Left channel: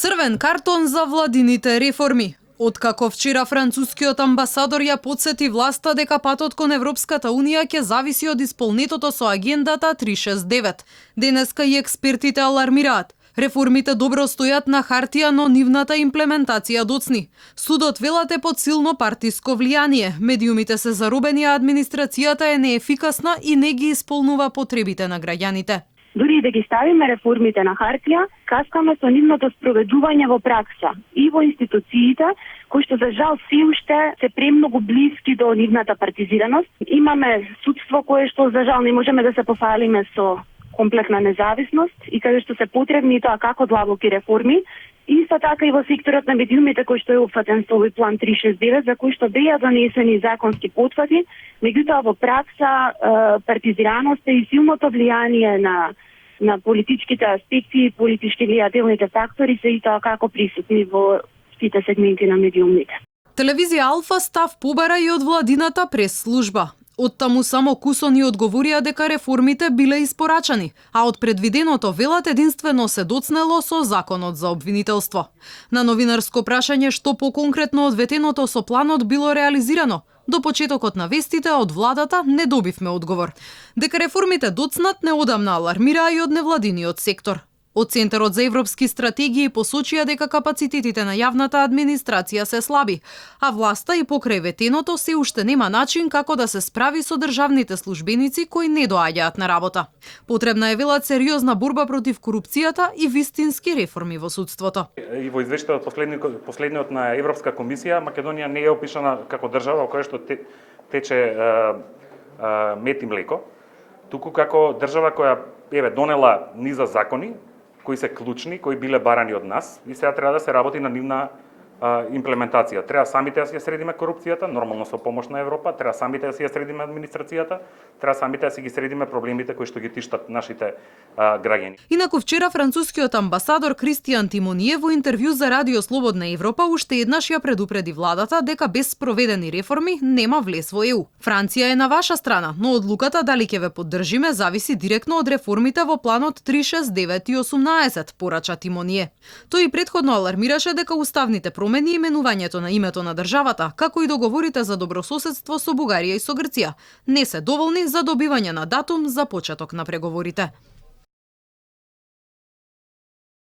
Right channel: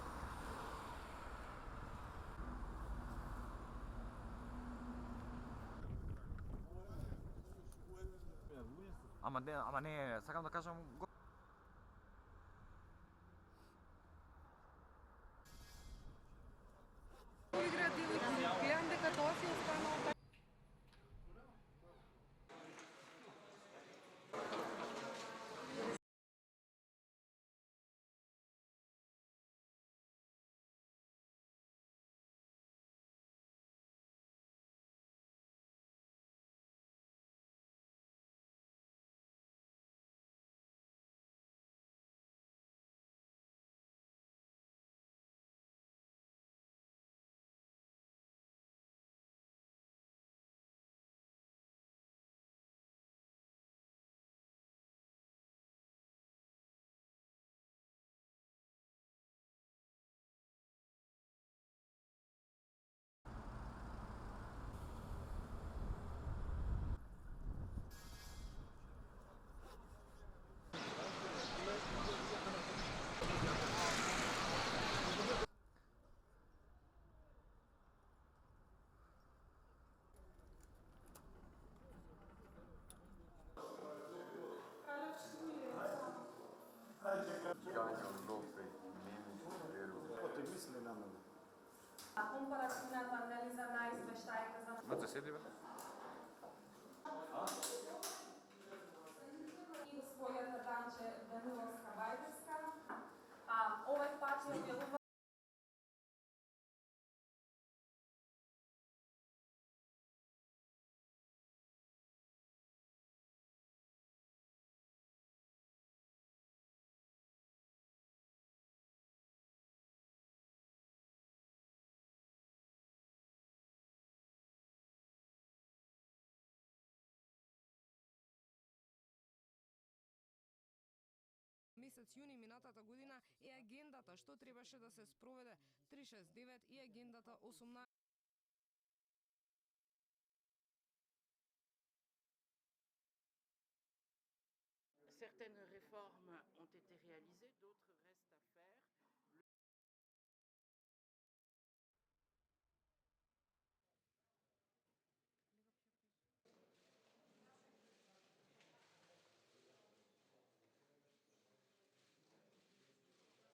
Црвен картон за владините реформи. Откако вчера францускиот амбасадор ја потсети власта дека патот кон Европската Унија ќе зависи од исполнетото со агендата 369. Денеска и експертите алармираат. Реформите добро стојат на хартија, но нивната имплементација доцни. Судот велат е под силно партиско влијание. Медиумите се заробени, а администрацијата е неефикасна и не ги исполнува потребите на граѓаните. Дури и да ги ставиме реформите на хартија, каскаме со нивното спроведување во пракса и во институциите, кои што за жал се уште се премногу блиски до нивната партизираност. Имаме судство кое што за жал не можеме да се пофалиме со комплетна независност и каде што се потребни тоа како длабоки реформи. Исто така и во секторот на медиумите кој што е опфатен со овој план 369, за кој што беа донесени законски потврди, меѓутоа во пракса партизираноста и силното влијание на политичките аспекти и политички влијателните фактори се и тоа како присутни во сите сегменти на медиумите. Телевизија Алфа став побара и од владината прес-служба. Оттаму само кусони одговорија дека реформите биле испорачани, а од предвиденото велат единствено се доцнело со законот за обвинителство. На новинарско прашање што поконкретно од ветеното со планот било реализирано, до почетокот на вестите од владата не добивме одговор. Дека реформите доцнат неодамна алармираа и од невладиниот сектор. Од Центарот за европски стратегии посочија дека капацитетите на јавната администрација се слаби, а власта и покрај ветеното се уште нема начин како да се справи со државните службеници кои не доаѓаат на работа. Потребна е велат сериозна борба против корупцијата и вистински реформи во судството. И во извештајот последниот на Европска комисија, Македонија не е опишана како држава во која што тече мед и млеко, туку како држава која донела низа закони кои се клучни, кои биле барани од нас и сега треба да се работи на нивна имплементација. Треба самите да си ја средиме корупцијата, нормално со помош на Европа, треба самите да си ја средиме администрацијата, треба самите да си ги средиме проблемите кои што ги тиштат нашите граѓани. Инаку вчера францускиот амбасадор Кристијан Тимоние во интервју за Радио Слободна Европа уште еднаш ја предупреди владата дека без спроведени реформи нема влез во ЕУ. Франција е на ваша страна, но одлуката дали ќе ве поддржиме зависи директно од реформите во планот 369 и 18, порача Тимоние. Тој и претходно алармираше дека уставните промени и именувањето на името на државата, како и договорите за добрососедство со Бугарија и со Грција, не се доволни за добивање на датум за почеток на преговорите.